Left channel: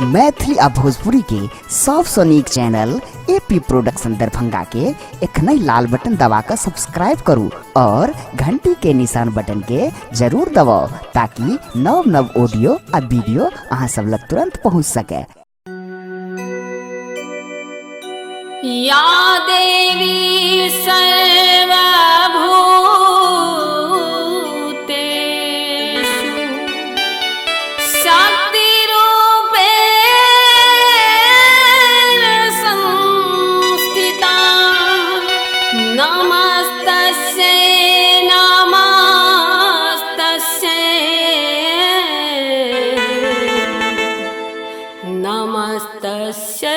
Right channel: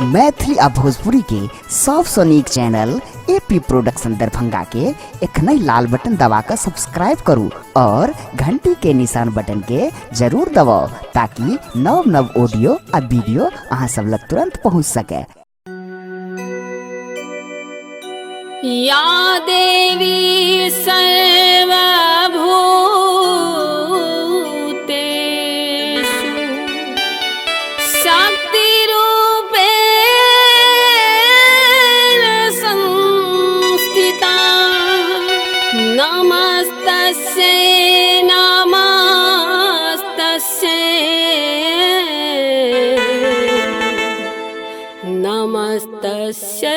मैथिली आ भोजपुरी के सबसे नीक चैनल एपी प्रोडक्शन दरभंगा के एखन लाल बटन दबाकर सब्सक्राइब करू और घंटी के निशान बटन के जरूर दबाओ ताकि नव नव ऑडियो आ वीडियो अहाँ सब लग तुरंत पहुंच सके। या देवी सर्वभूतेषु शक्तिरूपेण संस्थिता नमस्तस्यै नमस्तस्यै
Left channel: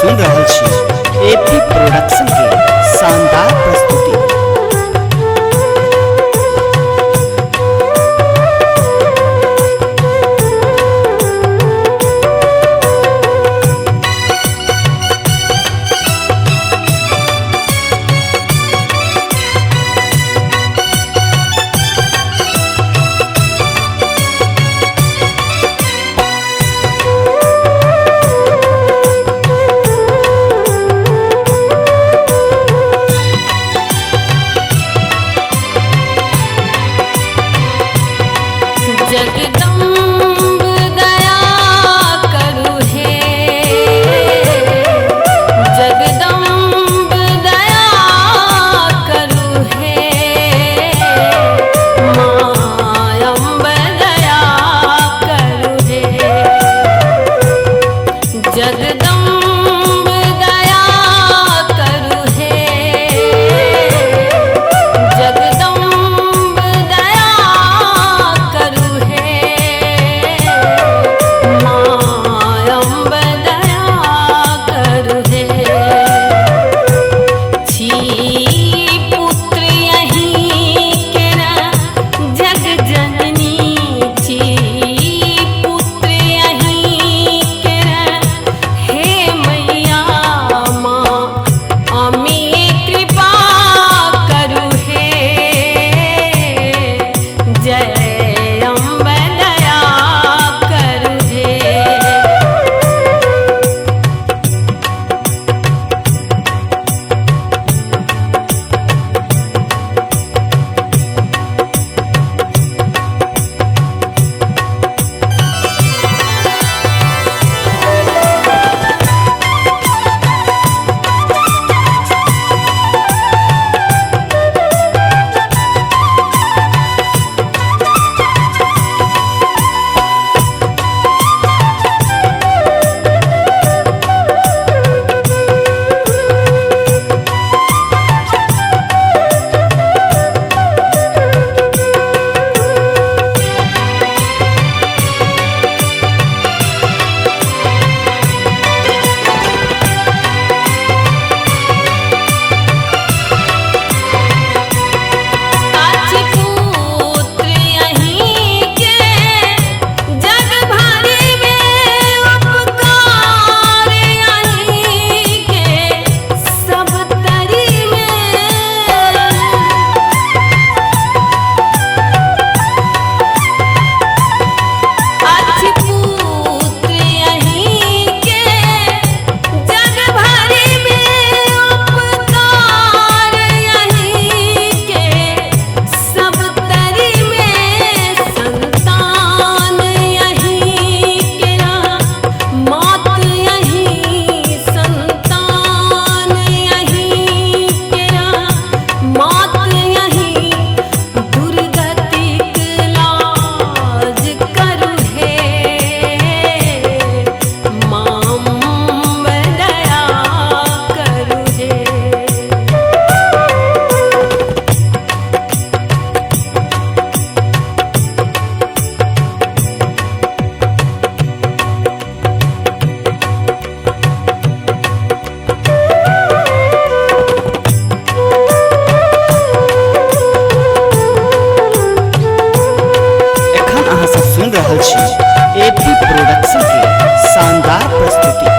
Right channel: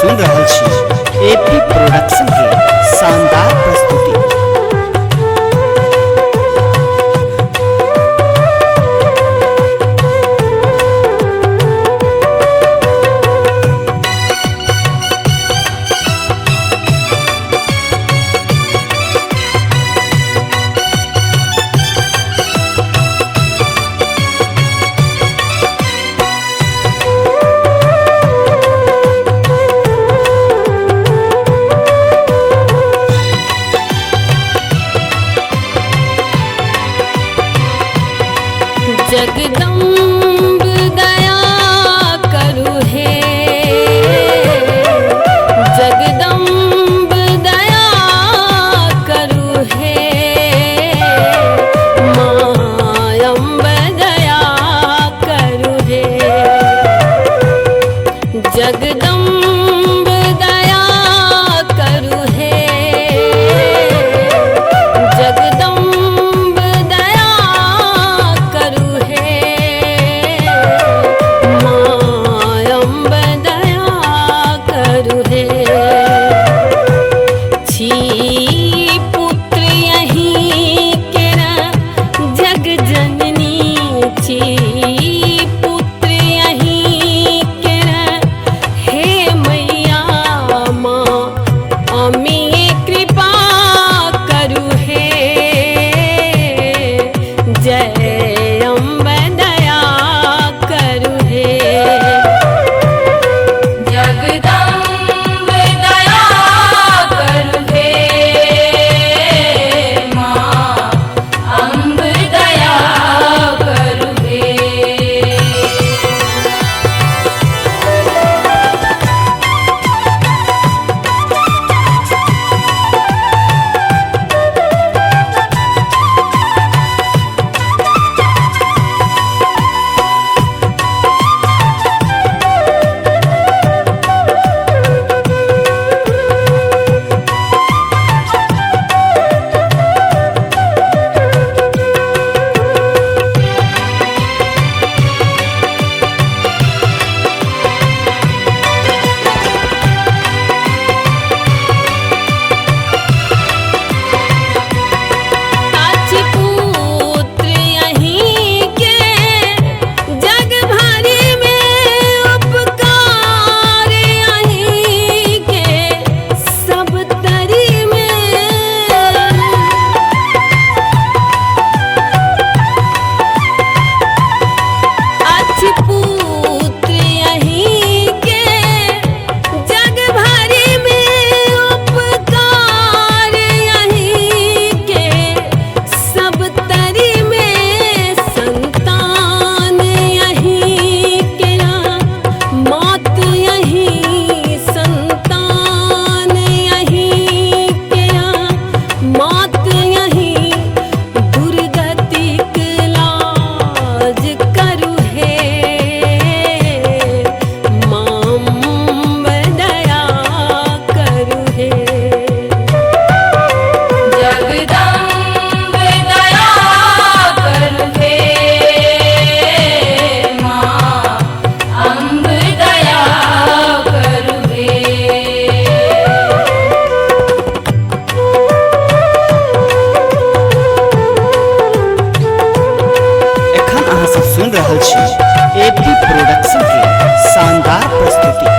सुन रहल छी एपी प्रोडक्शन के शानदार प्रस्तुति। जगदम्ब दया करु हे जगदम्ब दया करु हे मायम्ब दया करु हे जगदम्ब दया करु हे जगदम्ब दया करु हे मायम्ब दया करु हे छी पुत्र यहीं के न जग जननी छी पुत्र यहीं के न हे मैया माँ अमी कृपा करु हे जय अम्ब दया करु हे जगदम्ब दया करु हे माँ अम्ब दया करु हे। सब सुन रहल छी एपी प्रोडक्शन के शानदार प्रस्तुति।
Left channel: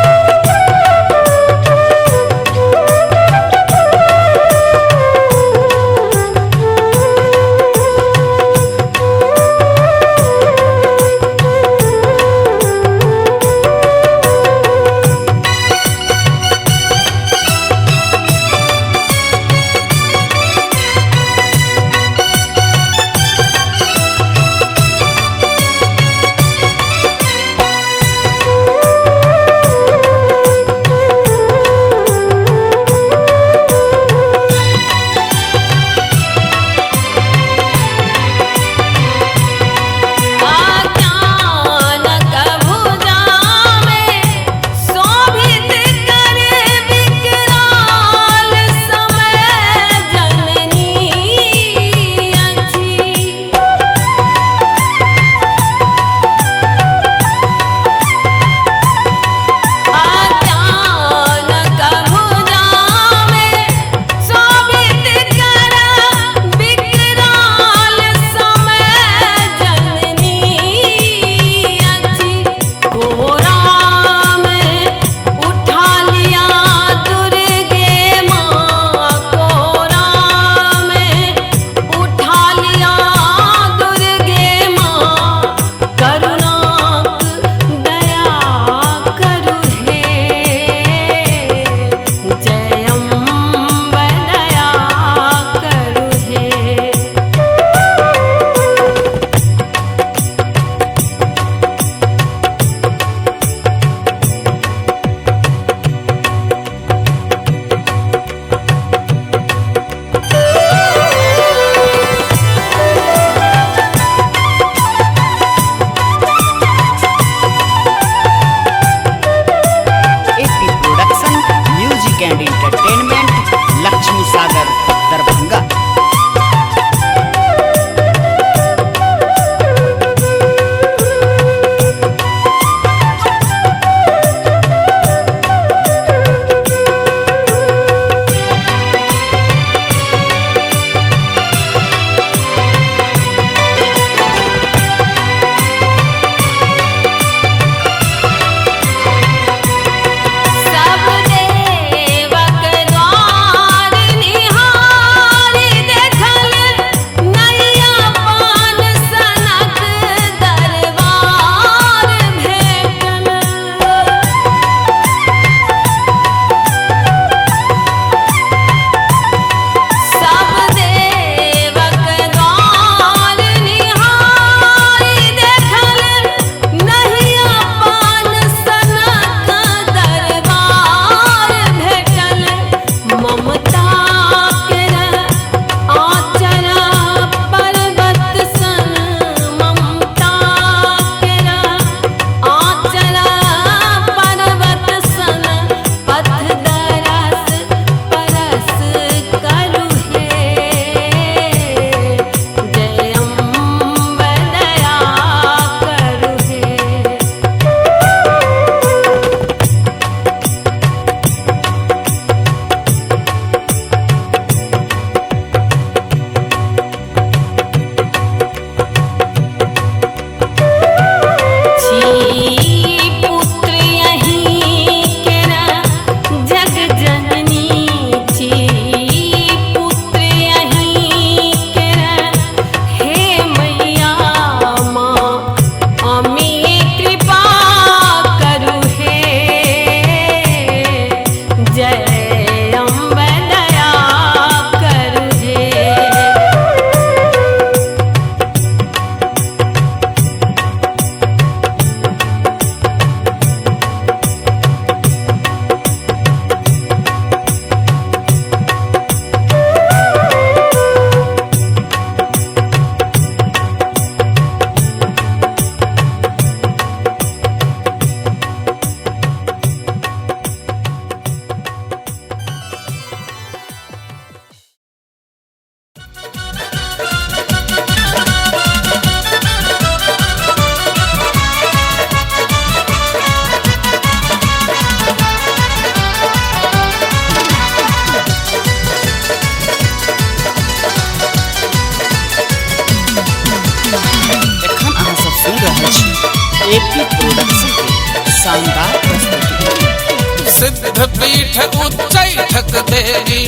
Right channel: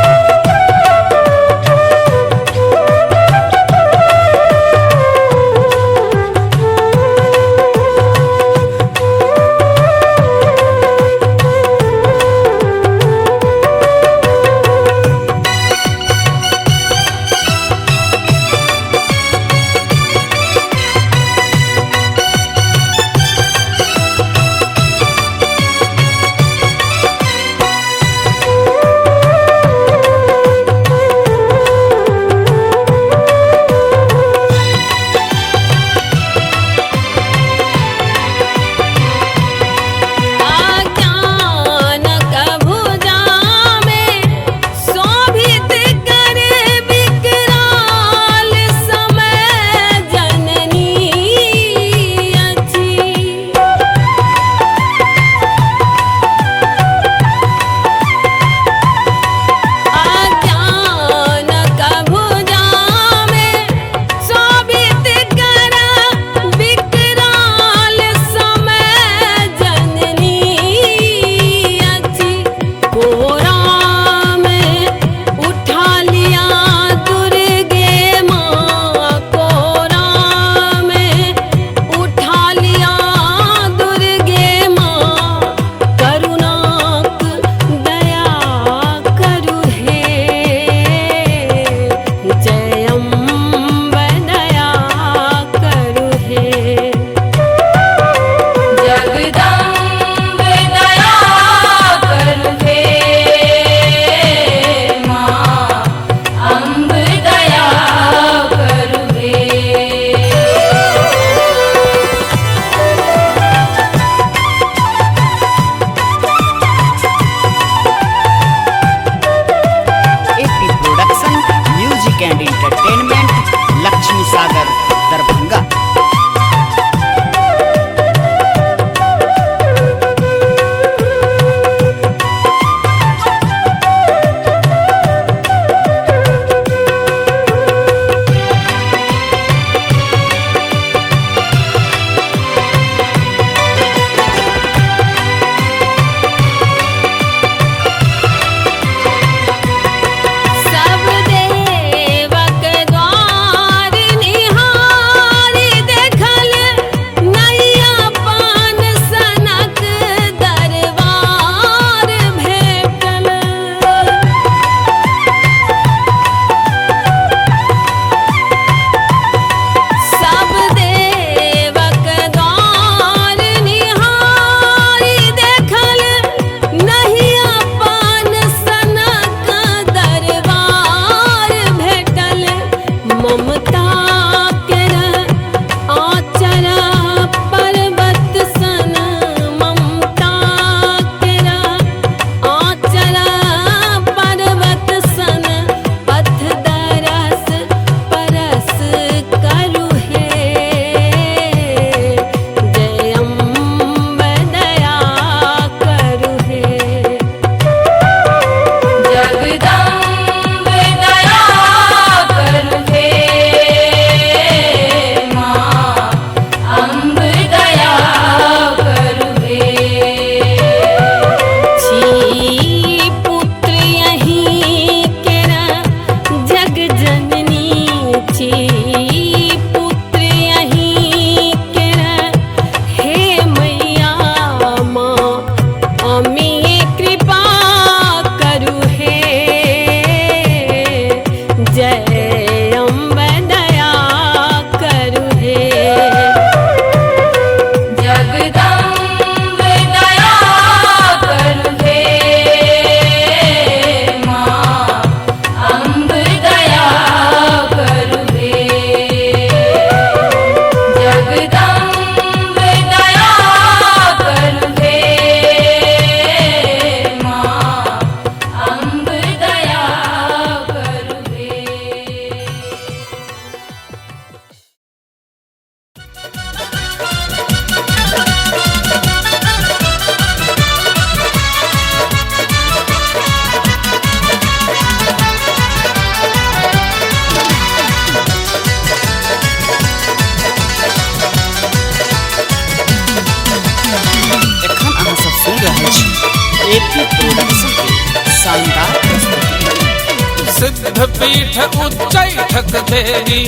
एपी प्रोडक्शन की शानदार प्रस्तुति। सिद्ध पीठ उच्चैठ देवी,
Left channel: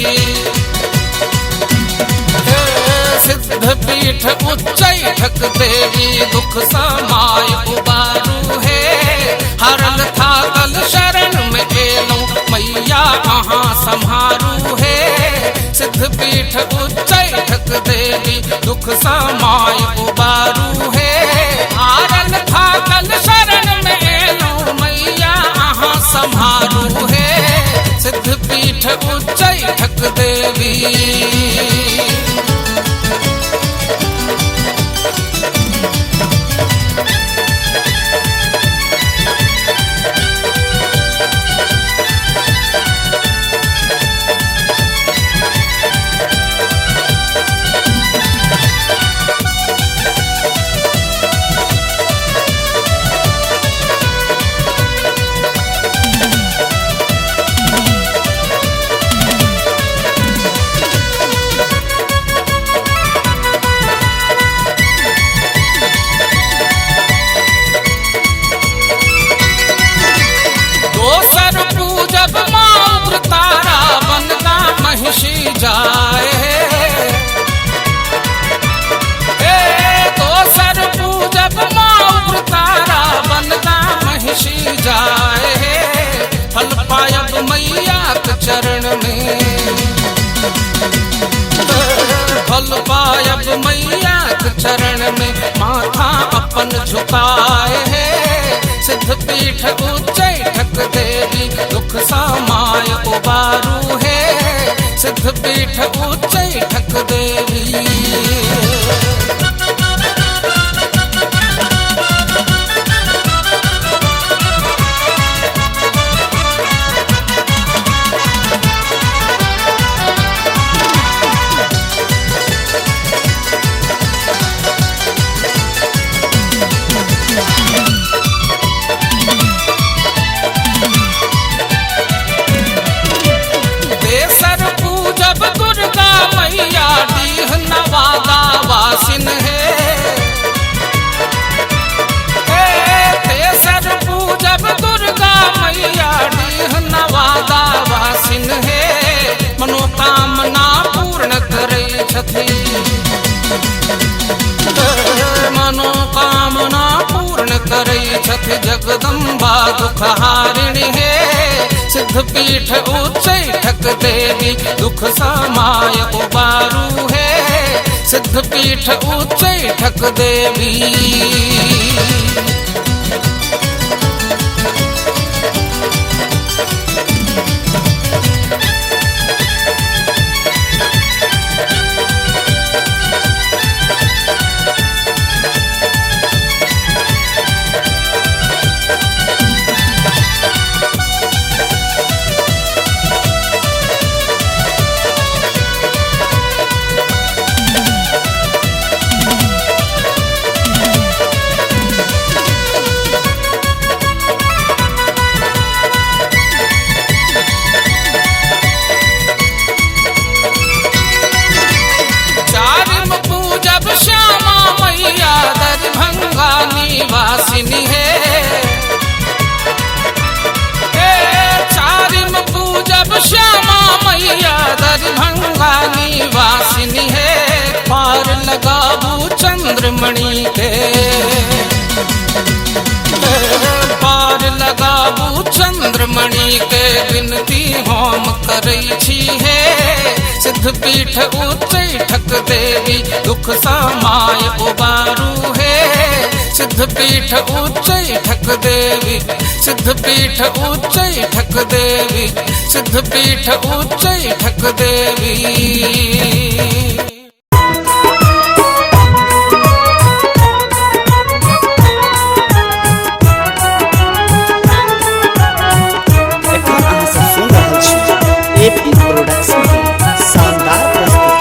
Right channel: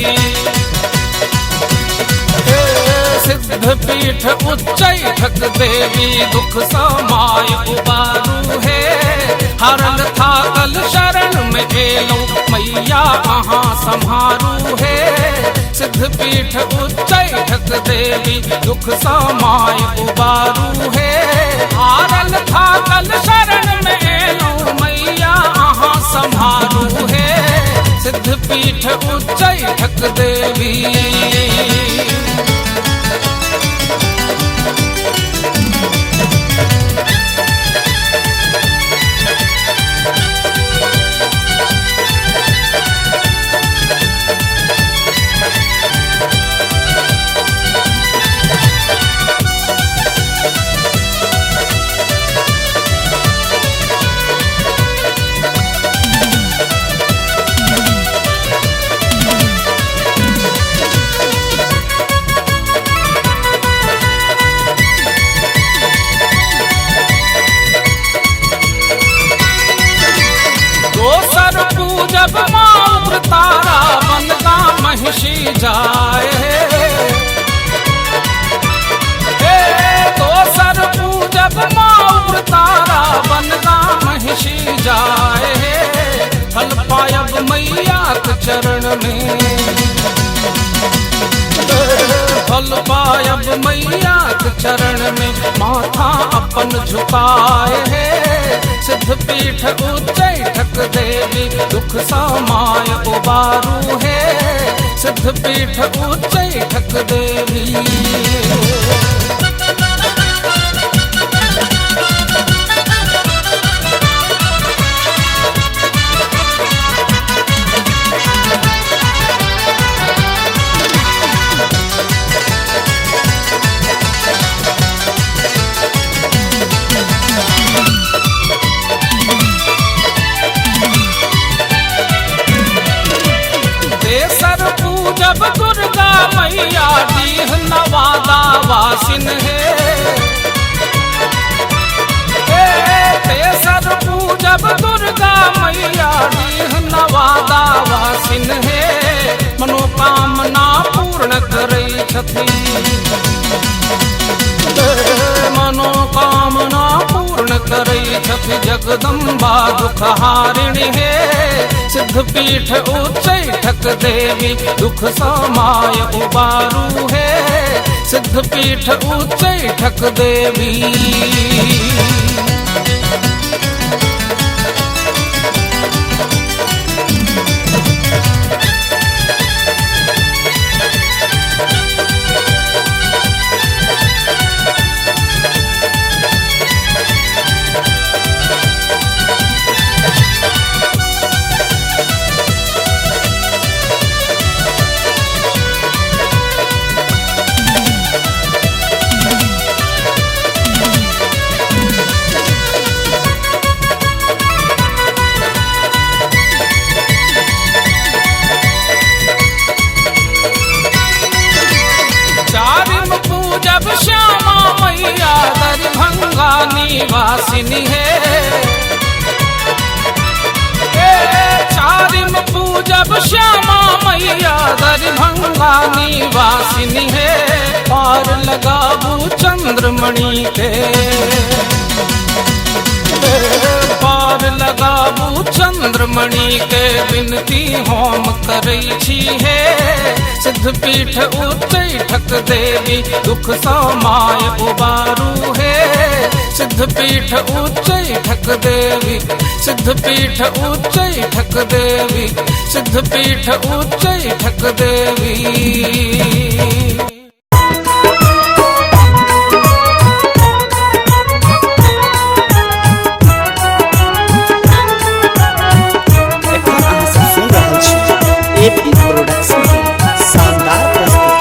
सिद्ध पीठ उच्चैठ देवी, दुख समाय उबारू है, हरल थागल शरण में एलो मैया कहाँ संहारू है। सिद्ध पीठ उच्चैठ देवी, दुख समाय उबारू है, हरल थागल शरण में एलो मैया कहाँ संहारू है। सिद्ध पीठ उच्चैठ देवी। एपी प्रोडक्शन की शानदार प्रस्तुति।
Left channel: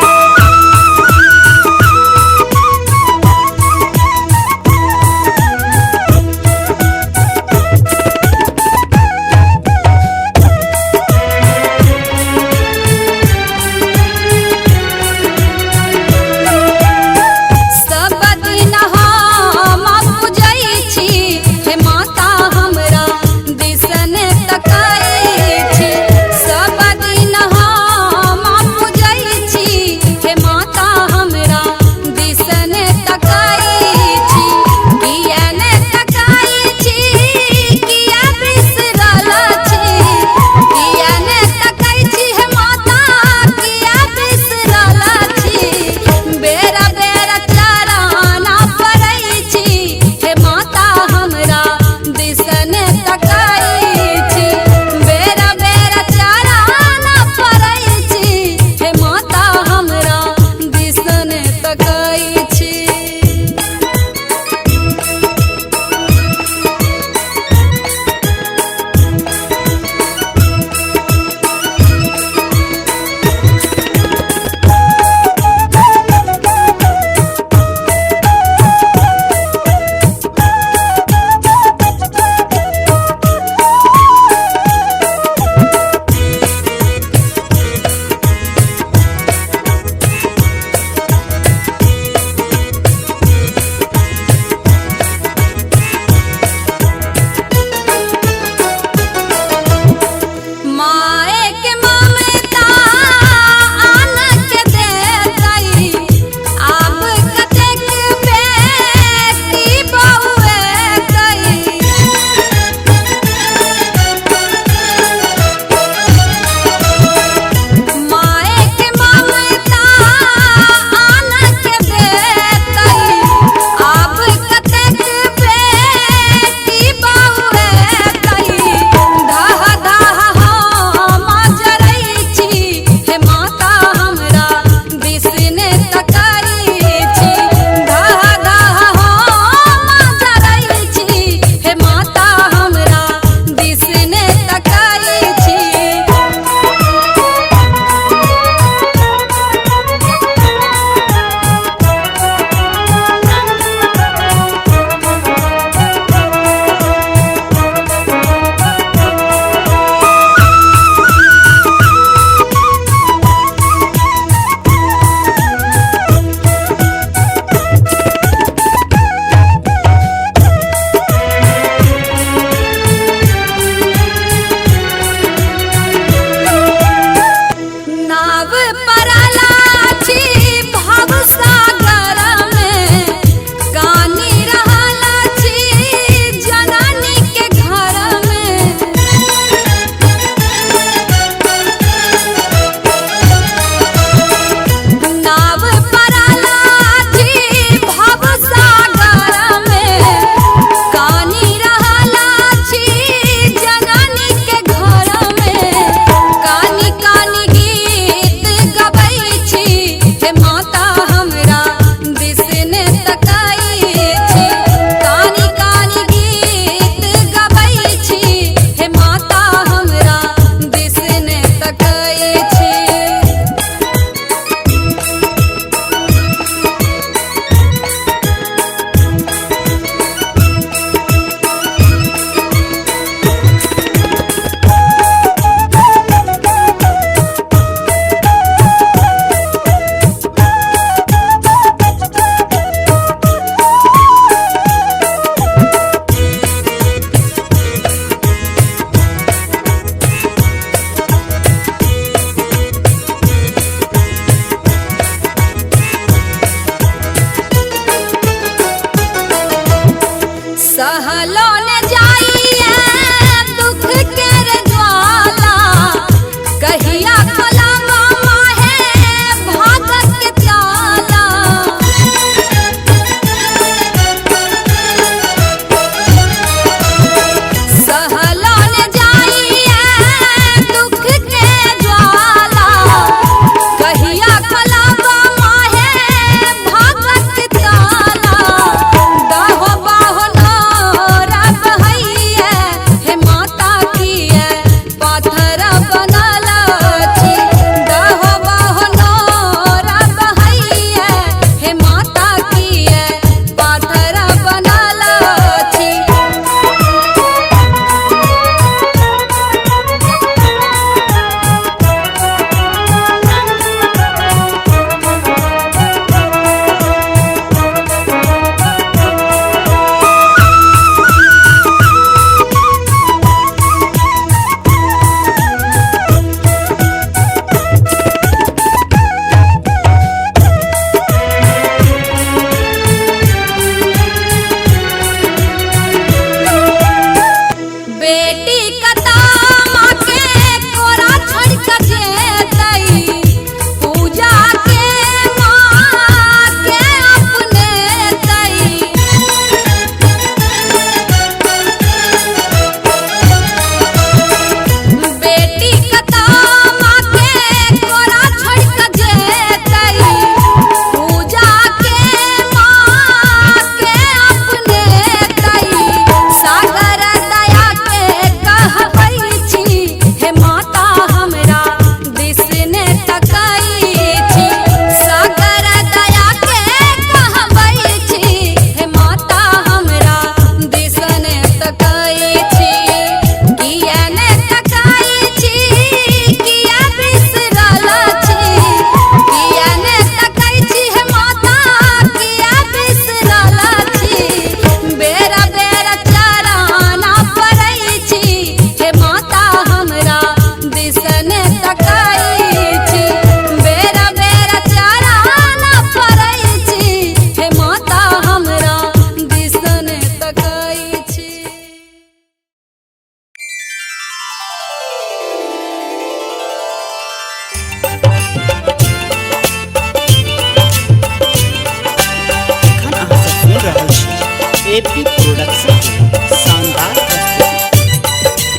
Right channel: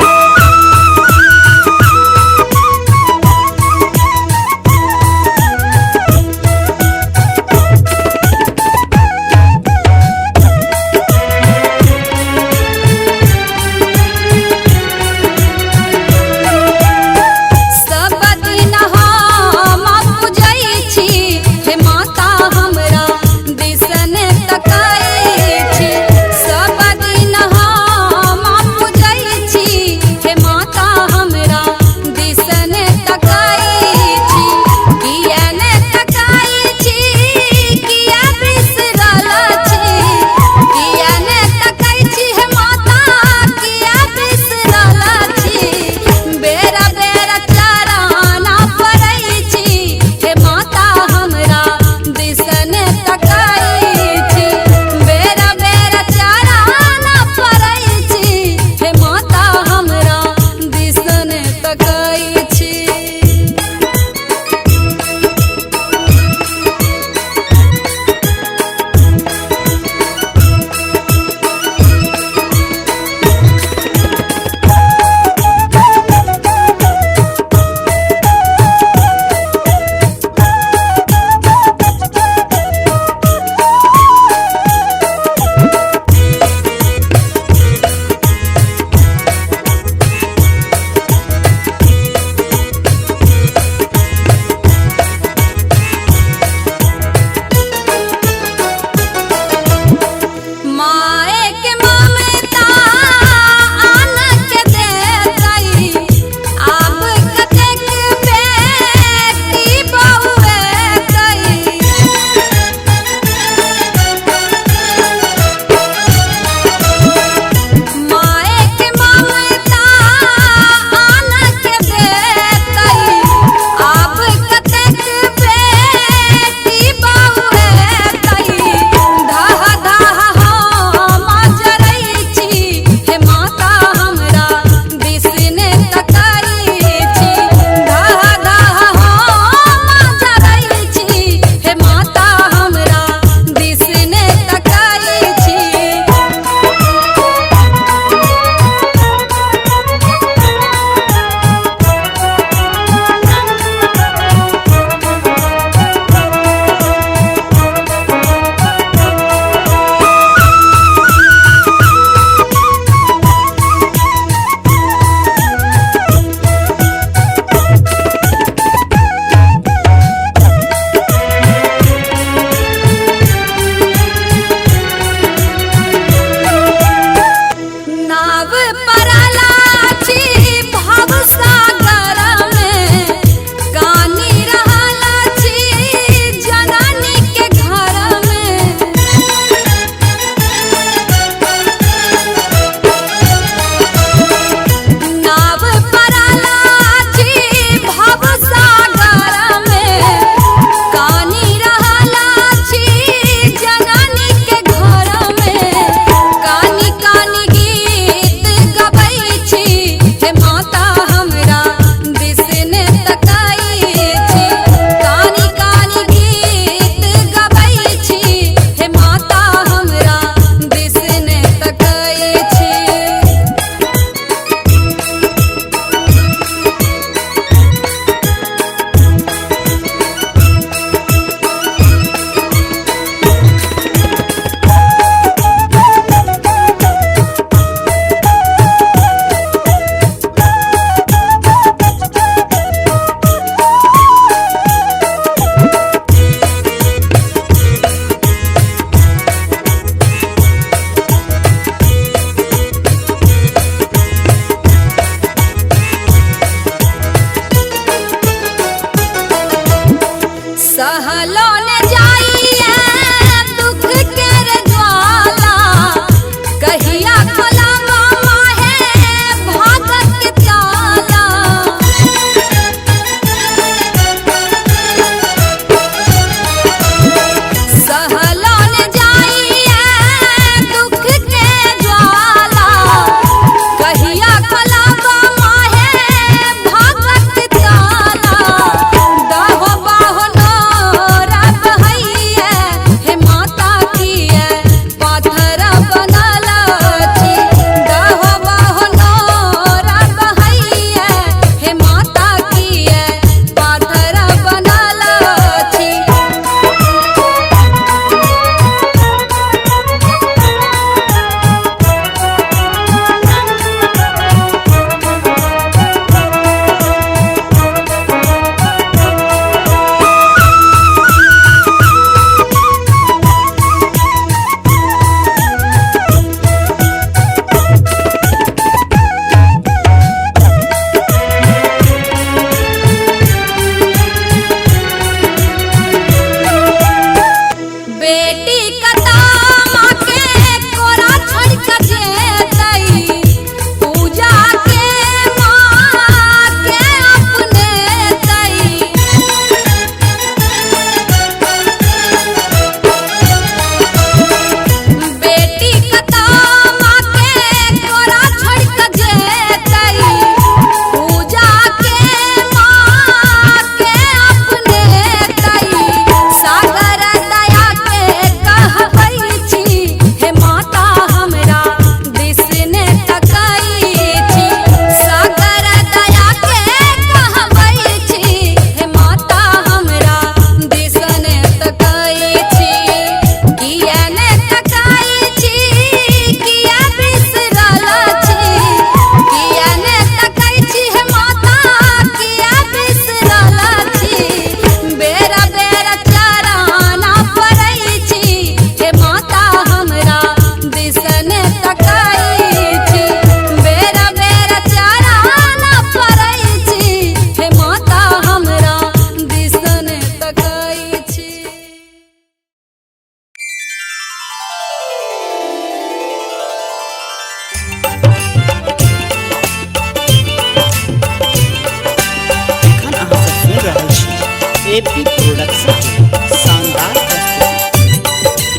सहलो न जाइए दुख के रे ज्वाला कहिया खोलावा माहे भागत के ताला सहलो न जाइए दुख के ज्वाला कहिया खोलावा माहे भागत के ताला दहो बाहो नोरा बहैया हे माता किए पाथर बनल छी दहो बाहो नोरा बहैया हे माता किए पाथर बनल छी बेटी कतामा के कोरा छोड़ के जेतई पूजा के माँ के अपने तई बेटी कतामा के कोरा छोड़ के जेतई पूजा के माँ के अपने तई सागर दया के कहबै छी हे माता हमरा दिसने तकै छी सागर दया के कहबै छी हे माता हमरा दिसने तकै छी किया ने तकै छी किया बिसरल छी किया ने तकै छी हे माता किया बिसरल छी बेरा बेरा चराना पड़ै छी हे माता हमरा दिसने तकै छी बेरा बेरा चराना पड़ै छी हे माता हमरा दिसने तकै छी एखन अहाँ सब सुनि रहल छी एपी प्रोडक्शन के शानदार प्रस्तुति।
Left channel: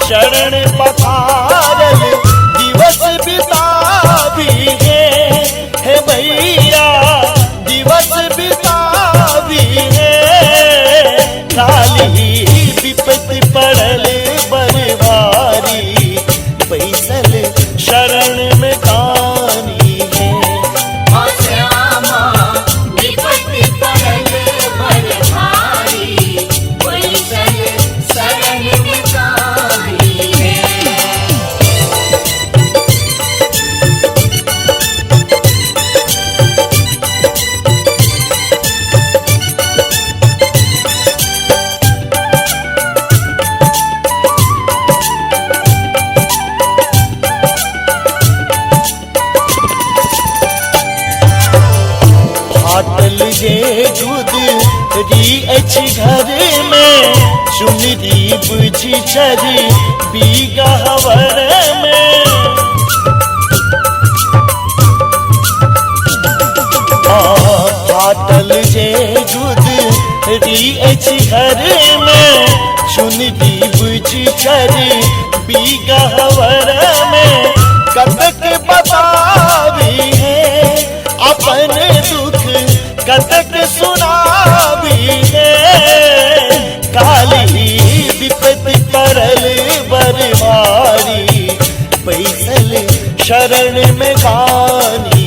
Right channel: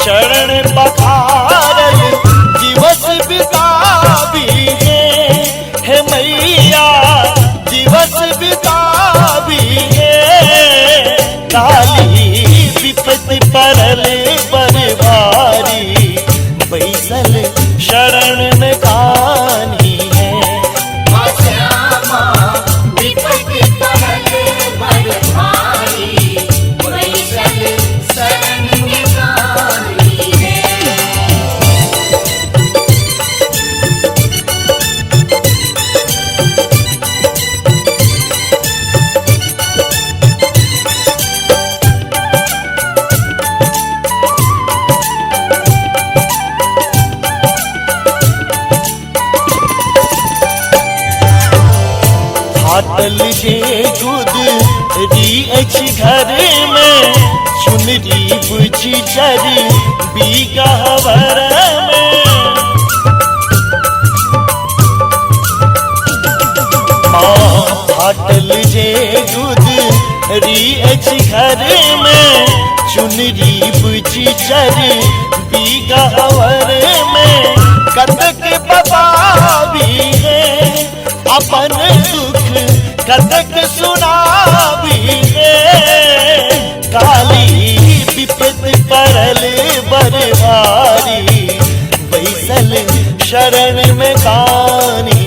शरण में दानी दिवस बितावी हे मैया जे दूध री अछि घरे में चुनरी बुझी चरी बीगा हवर फाटल जे दूध री अछि घरे में चुनरी बुझी चरी बीगा हवर में कतक बतावी है अपन दुख कतक सुनावी है काली विपत पड़ल बरबारी बैसल शरण में खानी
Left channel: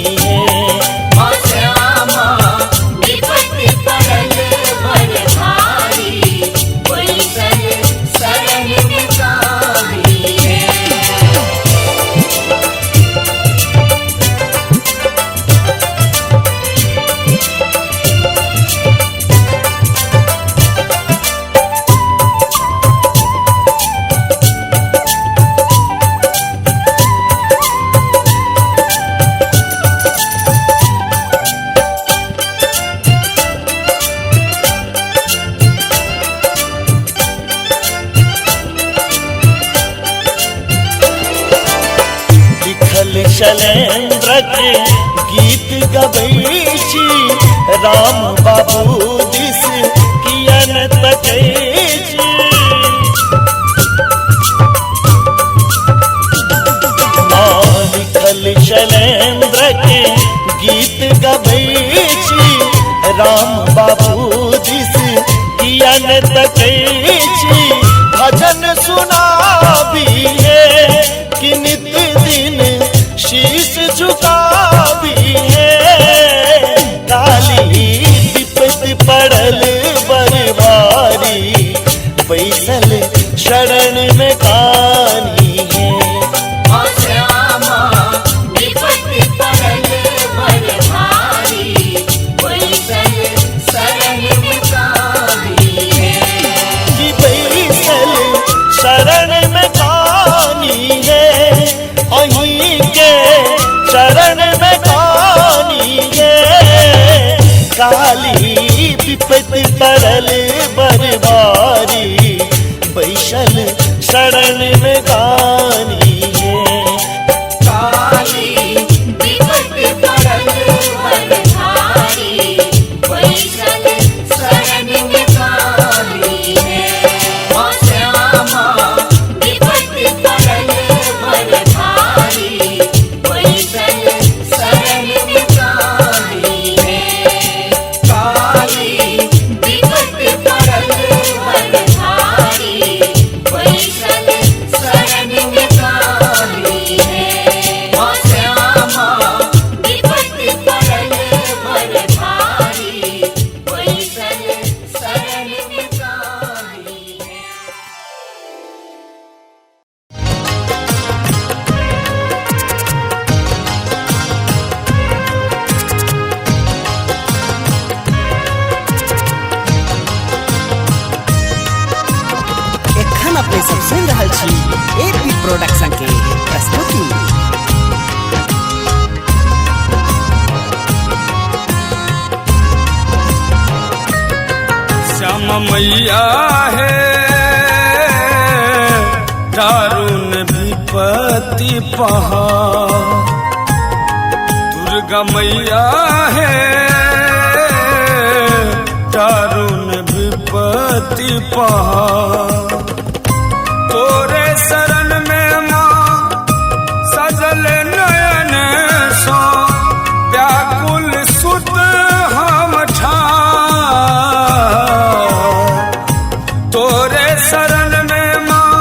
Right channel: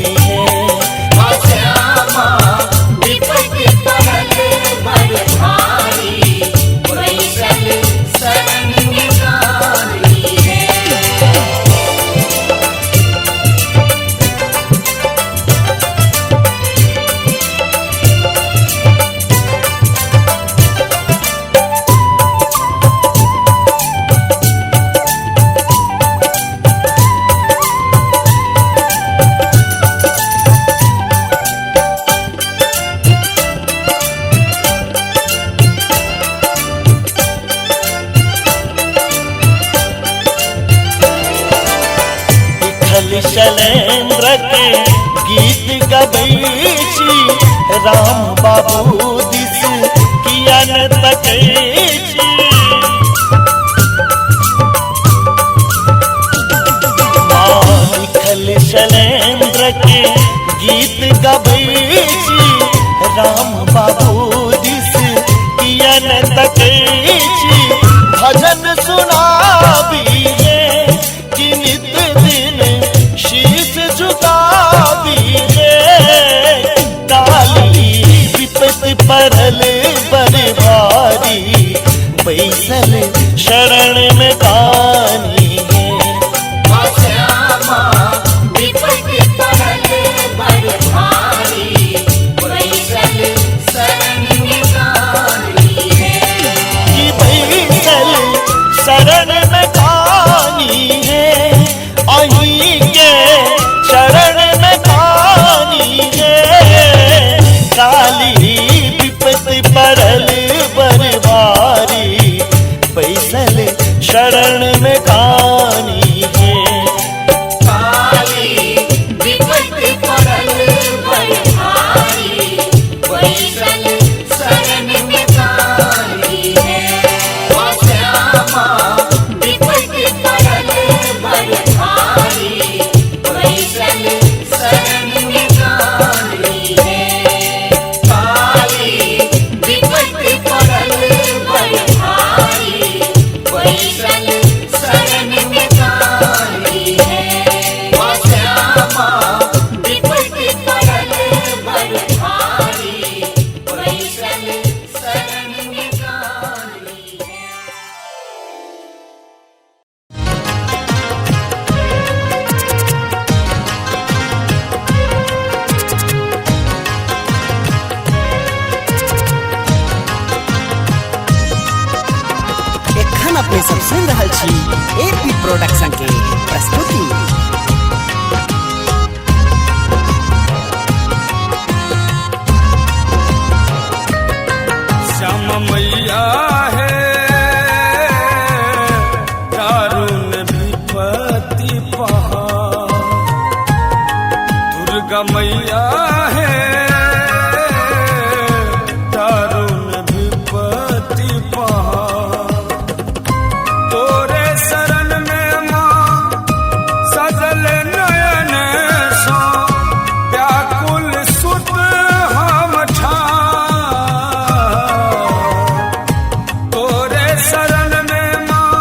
शैलेंद्र के गीत गबई जी राम बाबू दिस किया न तके शैलेंद्र के गीत गबई जी राम बाबू दिस किया न तके भजन सुनावी है कि नित दिन शीश झुकावी है काली विपत पड़ल बरबारी बैसल शरण में खानी शरण में गानी है काली विपत पड़ल बरबारी बैसल शरण में गानी है श्यामा विपत पड़ल बरबारी बैसल शरण में गानी है काली विपत पड़ल बरबारी बैसल शरण में गानी है श्यामा विपत पड़ल बरबारी बैसल शरण में गानी है। एखन अपने सब सुन रहल छी एपी प्रोडक्शन के प्रस्तुति। श्याम मैया है दारुण विपत्ति पहाड़ दुर्गा मैया है दारुण विपत्ति पहाड़ तोरे शरण में माँ सजल नयन सो व्याकुल सुत हम ठाड़ तोरे शरण में माँ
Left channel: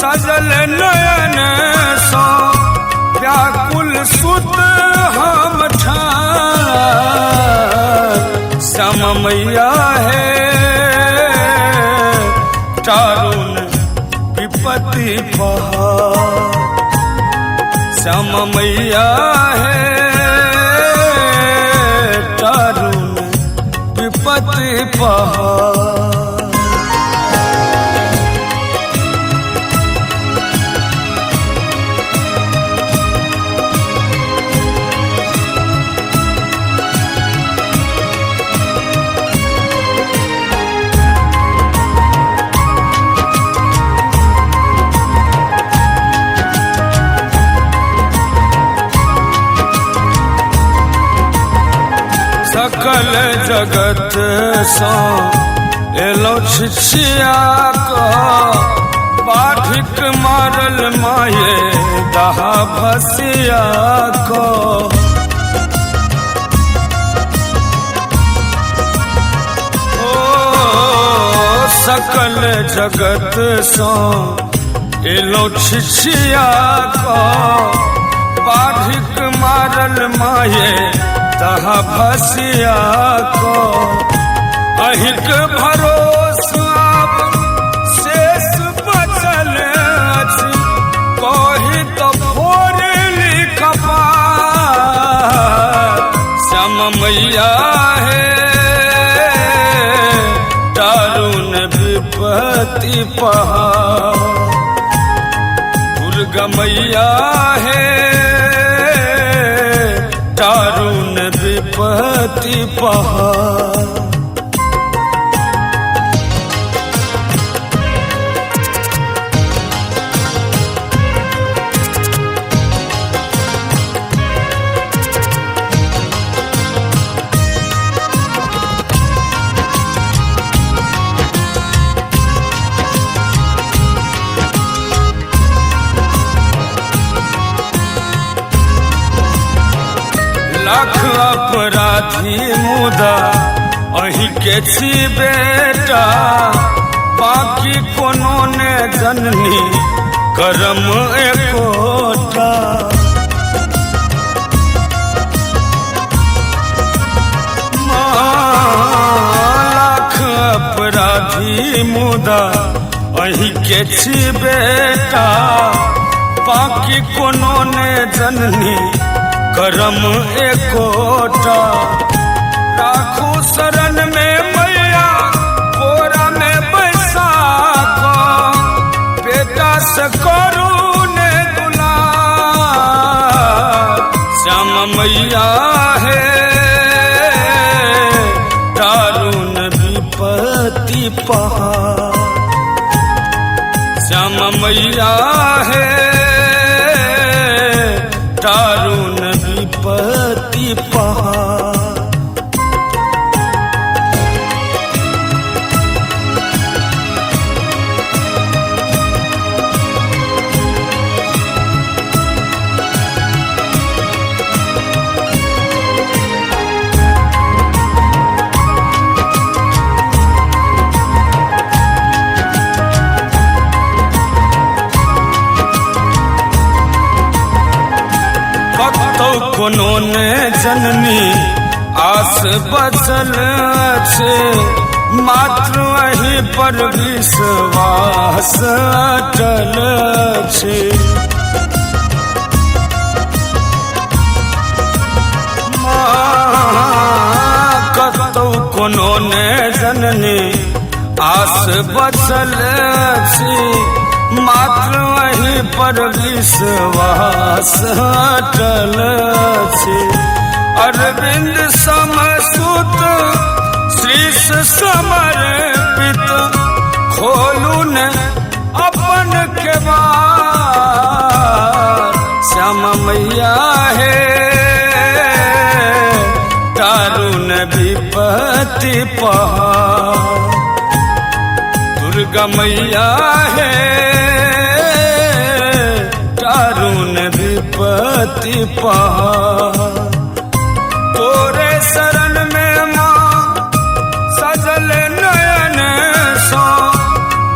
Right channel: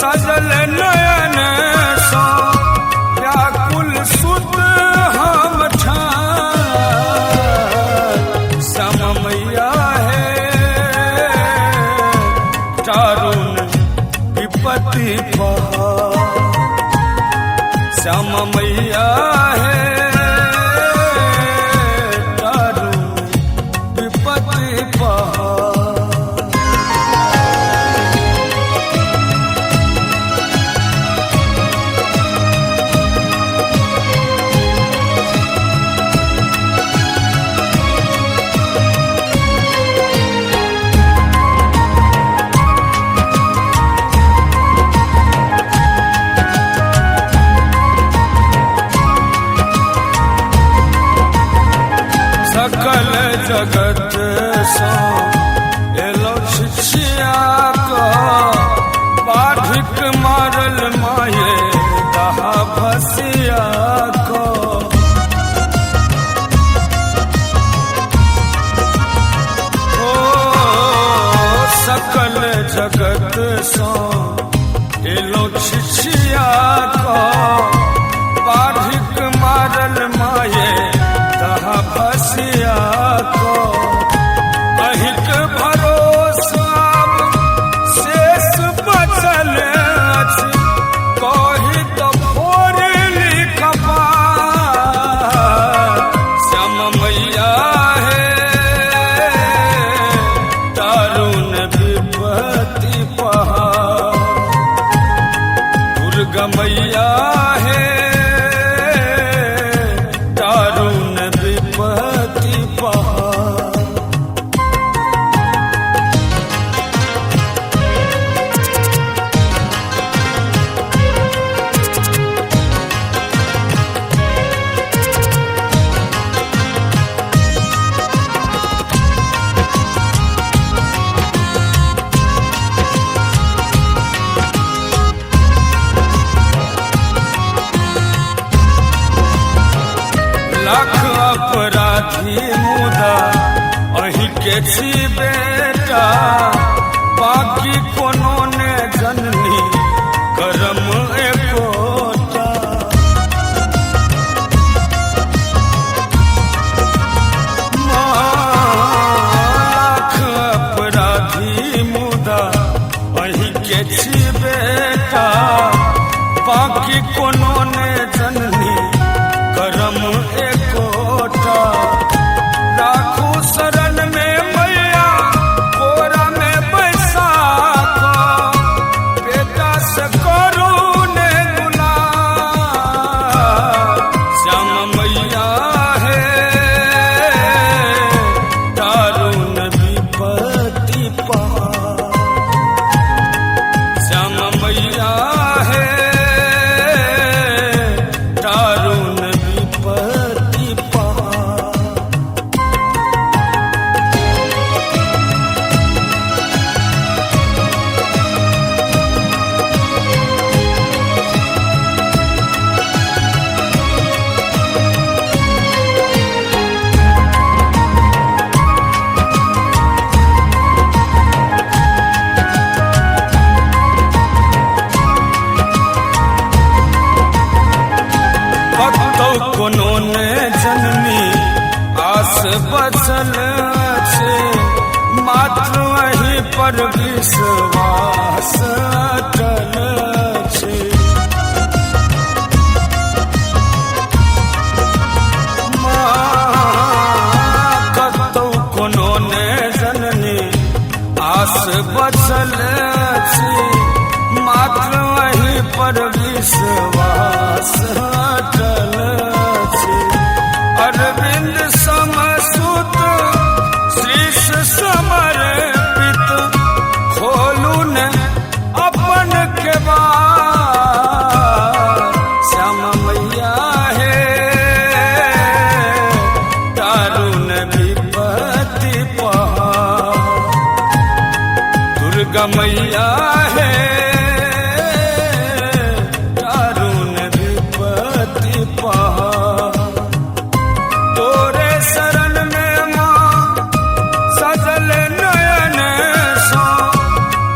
सजल नयन सो व्याकुल सुत हम ठाड़ सो एलो छिछिया को बाधिक मारल माये दहा भसिया को सकल जगत सो एलो छिछिया को बाधिक मारल माये दहा भसिया को अहिक भरोसा शेष बचल अछि कहि तो भोरे लिखबा श्याम मैया है दारुण विपत्ति पहाड़ दुर्गा मैया है दारुण विपत्ति पहाड़ लाख अपराधी मुदा अही के छी बेटा बाकी कोनो ने जननी करम एकोटा लाख अपराधी मुदा अही के छी बेटा बाकी कोनो ने जननी करम एकोटा राखो शरण में मैया कोरा में बैसा को बेटा से करो ने गुलाम श्याम मैया है दारुण विपत्ति पहाड़ श्याम मैया है दारुण विपत्ति पहाड़ कतौ कोनो ने जननी आस बचल छे मात्र अही पर विश्वास अटल छे कतौ कोनो ने जननी आस बचल छे मात्र वही पर विश्वास अटल छे अरविंद समसुत शीश समर्पित खोलू ने अपन केवाड़ श्याम मैया है दारुण विपत्ति पहाड़ दुर्गा मैया है दारुण विपत्ति पहाड़ तोरे शरण में माँ सजल नयन सो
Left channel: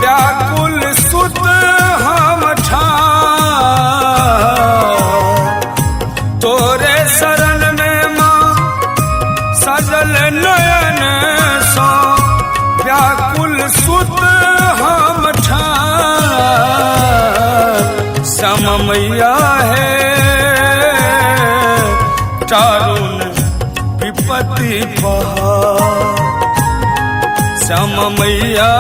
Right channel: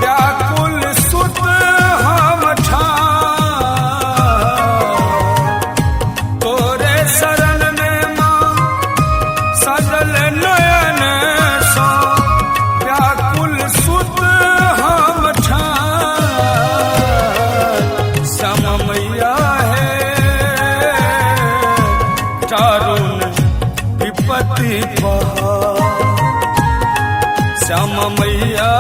व्याकुल सुत हम ठाड़ तोरे शरण में माँ सजल नयन सो व्याकुल सुत हम ठाड़ श्याम मैया है दारुण विपत्ति पहाड़ श्याम मैया